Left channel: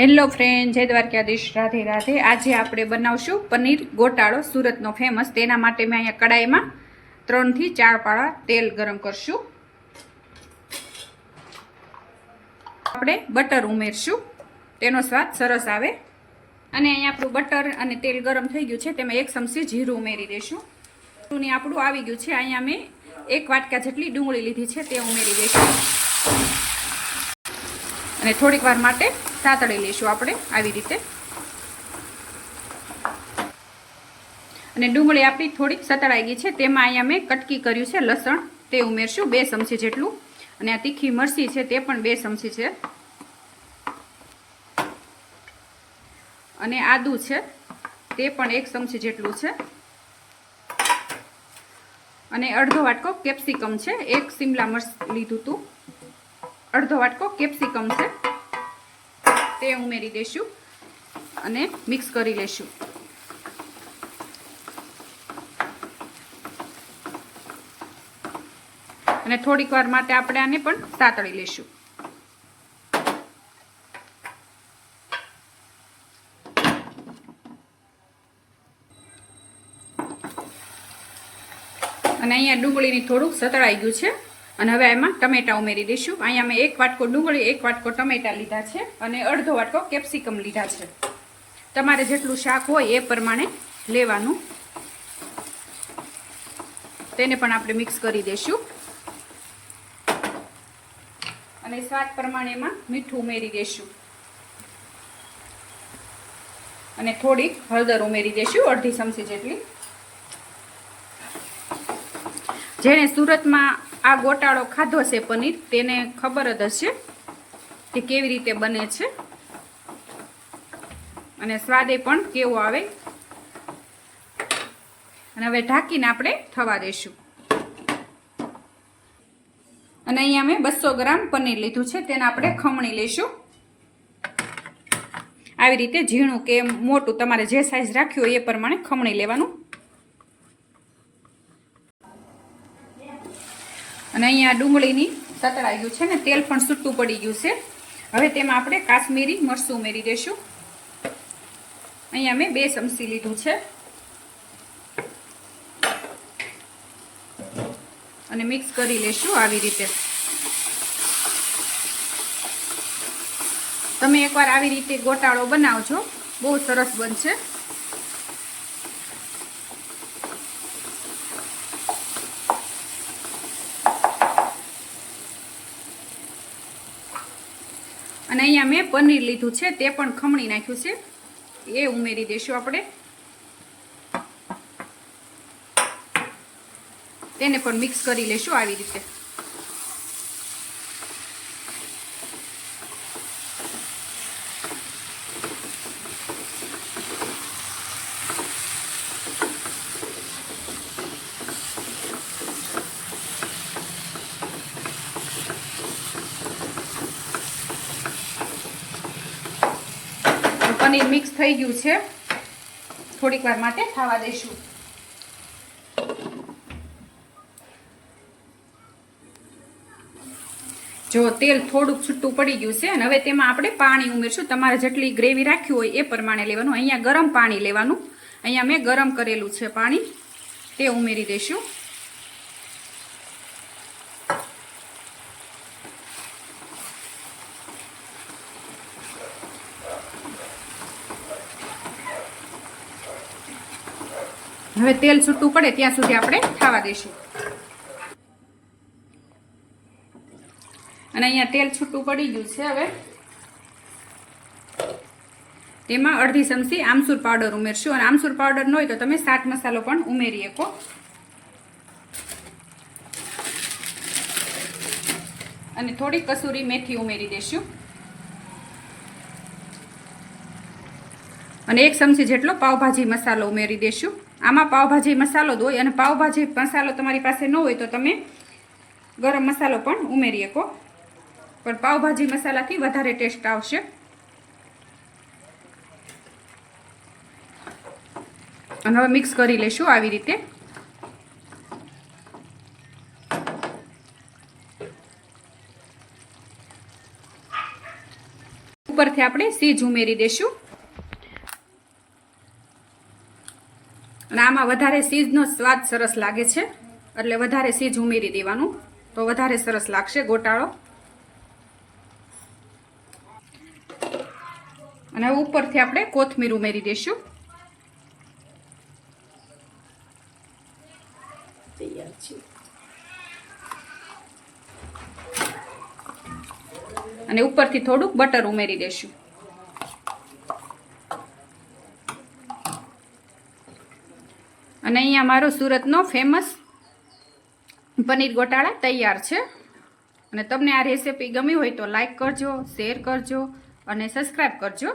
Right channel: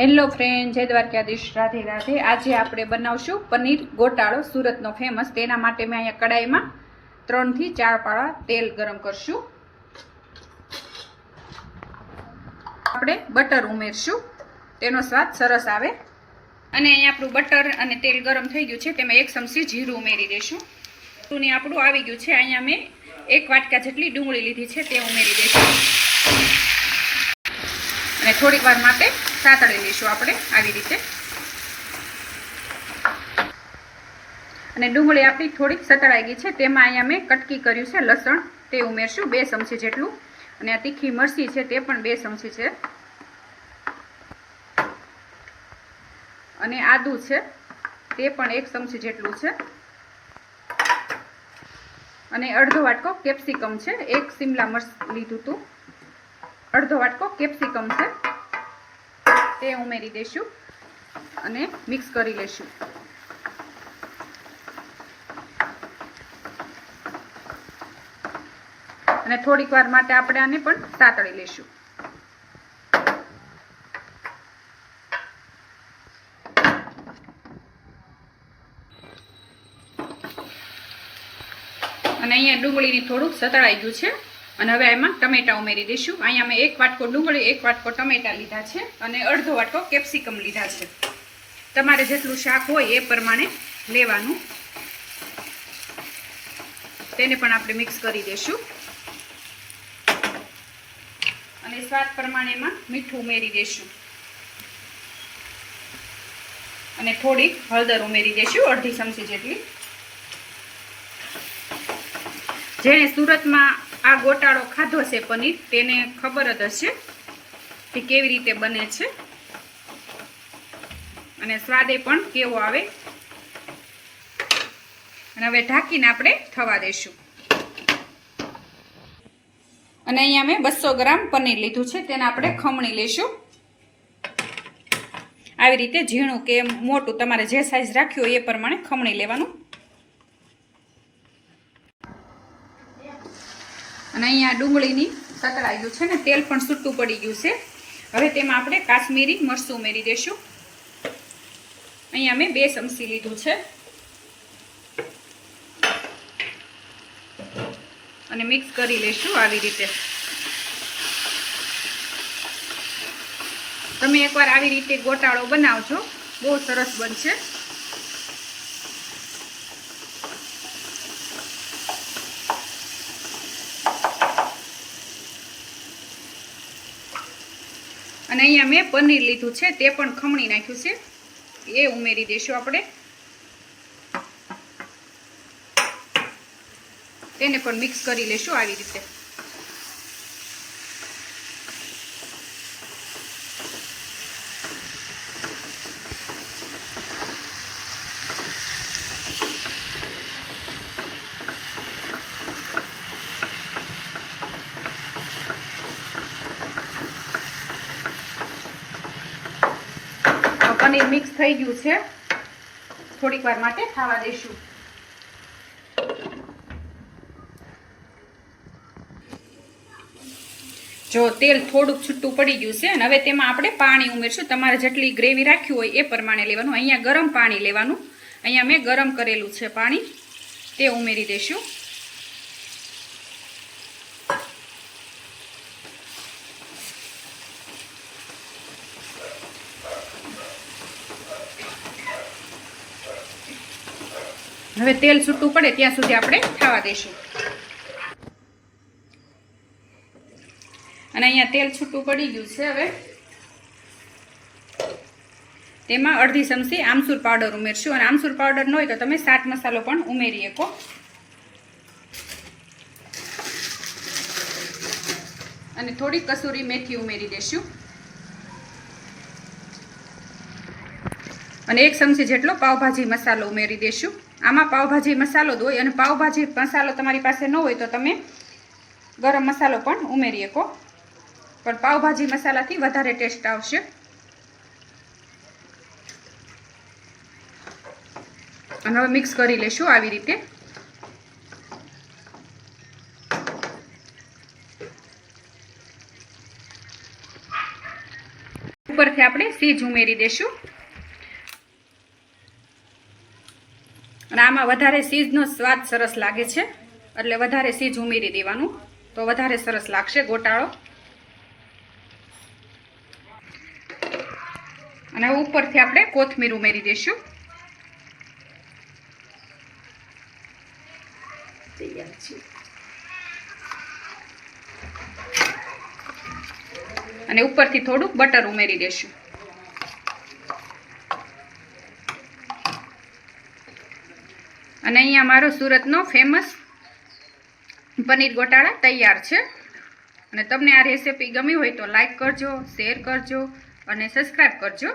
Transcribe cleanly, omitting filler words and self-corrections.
Hello friend, જય દ્વારકાધીશ, રાધે રાધે। આજે આપણે બનાવશું પનીર ગોટાળો, સુરતનો ફેમસ। તેના માટે મેં અહીંયા કડાઈમાં 3 થી 4 પાળા તેલ ગરમ કરશું। આપણે બટર ઉમેરશું, તેનો સ્વાદ સરસ આવે। અને અહીંયા આપણું બટર અને તેલ ગરમ થઈ ગયું છે, તેમાં 1 ચમચી જીરું ઉમેરી દઈશું। જીરું આપણું આવી ગયું છે। અહીંયા મેં 1 વાટકા જેટલી ડુંગળી લીધી છે, તે ઉમેરી દઈશું અને થોડીક વાર માટે સાતળી લઈશું આપણે આવી રીતે। અને ડુંગળી આપણી થોડીક સતળાઈ ગઈ છે, તેમાં અહીંયા મેં કટકી કર્યું છે લસણ, તે ઉમેરશું 2 ચમચી જેટલું। અને આ તીખી મરચી છે, તે પણ 2 ચમચી છે। અને આદુ છે, તે પણ 1 ચમચી જેટલું છે। અને અડધો વાટકો કેપ્સિકમ છે, 1 શિમલા મરચ લીધું હતું, અડધો વાટકો કેપ્સિકમ છે, તે ઉમેરી દઈશું અને મિક્સ કરી લઈશું। અને થોડીક વાર માટે આપણે આને પણ સાતળી લઈશું। અને અહીંયા ડુંગળીની થોડુંક સતળાઈ ગયું છે। અને હવે એમાં ટમેટા ઉમેરી દઈશું। અહીંયા મેં 1 વાટકો ડુંગળી, 1 વાટકો ટમેટા લીધા છે અને અડધો વાટકો કેપ્સિકમ લીધા છે। તમારે જેટલું શાક હોય એ પ્રમાણે લેવાનું। તેને પણ આપણે મિક્સ કરી દઈશું અને સ્વાદ પ્રમાણે એમાં મીઠું ઉમેરી દઈશું અને થોડીક હળદર ઉમેરી દઈશું, અડધી ચમચી જેટલી। જેણે સુરતમાં આ ગોટાળો ખાધો છે પનીર, તેને ખબર જ હશે કે કેવી રીતે બને છે અને સ્વાદે પણ કેવો આવે। અને હવે ઢાંકીને આપણે થવા દઈશું। અને અહીંયા મેં 200 ગ્રામ પનીર લીધું છે, તેને આપણે ખમણી લઈશું। આવી રીતે ઝીણું કે મોટું, તમારે જે સાઈઝ રાખ્યું હોય એ પ્રમાણે ખમણી લેવાનું। અને અહીંયા ડુંગળીની સતળાઈ ગયું છે ને તેલ પણ છૂટું પડી ગયું છે। હવે તેમાં આપણે કાશ્મીરી મરચું ઉમેરી દઈશું। અહીંયા મેં 2 ચમચી લીધું છે અને મિક્સ કરી લઈશું આવી રીતે। તમે એકવાર આવી રીતે ગોટાળો બનાવજો, બહુ સરસ બનશે। અને અહીંયા મેં પનીર લીધું છે, તે પણ ખમણી નાખ્યું છે, એ ઉમેરી દઈશું આપણે। તેને પણ મિક્સ કરી લઈશું આવી રીતે। પનીર મિક્સ થઈ ગયું છે, થોડીક વાર માટે થવા દઈશું। જો તેલ થોડુંક છૂટું પડી ગયું છે અને હવે તેમાં આપણે પાણી ઉમેરશું। તમારે જેટલી ગ્રેવી રાખ્યું હોય એ પ્રમાણે લેવાનું। અહીંયા ગરમ પાણી લેવાનું, અહીંયા મેં ગરમ કરેલું છે પાણી, તે ઉમેરી દઈશું। હવે તેલ છૂટું પડે ત્યાં સુધી આપણે થવા દઈશું। અને અહીંયા તેલ છૂટું પડી ગયું છે। હવે તેમાં અડધી ચમચી આમચૂર પાવડર ઉમેરશું અને આમચૂર પાવડર ન હોય તો તમે ચાટ મસાલો પણ ઉમેરી શકો। અને થોડી કસૂરી મેથી ઉમેરી દઈશું અને 1 ચમચી જેટલો પાવભાજી મસાલો ઉમેરી દઈશું। આમાં પાવભાજી મસાલો જ હોય અને પાવભાજી મસાલો તમારી પાસે ન હોય તો તમે ગરમ મસાલો પણ ઉમેરી શકો, પણ પાવભાજી મસાલાથી વધારે ટેસ્ટ આવશે। અને હવે મિક્સ કરી લઈશું આવી રીતે। ઉપરથી આપણે સીજ ઉમેરી દઈશું અને આમાં વધારે સીજનો સ્વાદ સરસ લાગે છે એટલે વધારે સીજ ઉમેરી દેવાનું તો વધારે સરસ લાગશે ગોટાળો. અને હવે ઉપરથી આપણે કોથમીર ઉમેરી દઈશું. તૈયાર છે. અને ઉપરથી થોડુંક બટર ઉમેરી દઈશું. અને અહીંયા મારો સુરતનો ફેમસ પનીર ગોટાળા તૈયાર છે. અને તમને આ રેસીપી ગમી હોય તો લાઈક કરજો, શેર કરજો અને સબસ્ક્રાઈબ કરજો.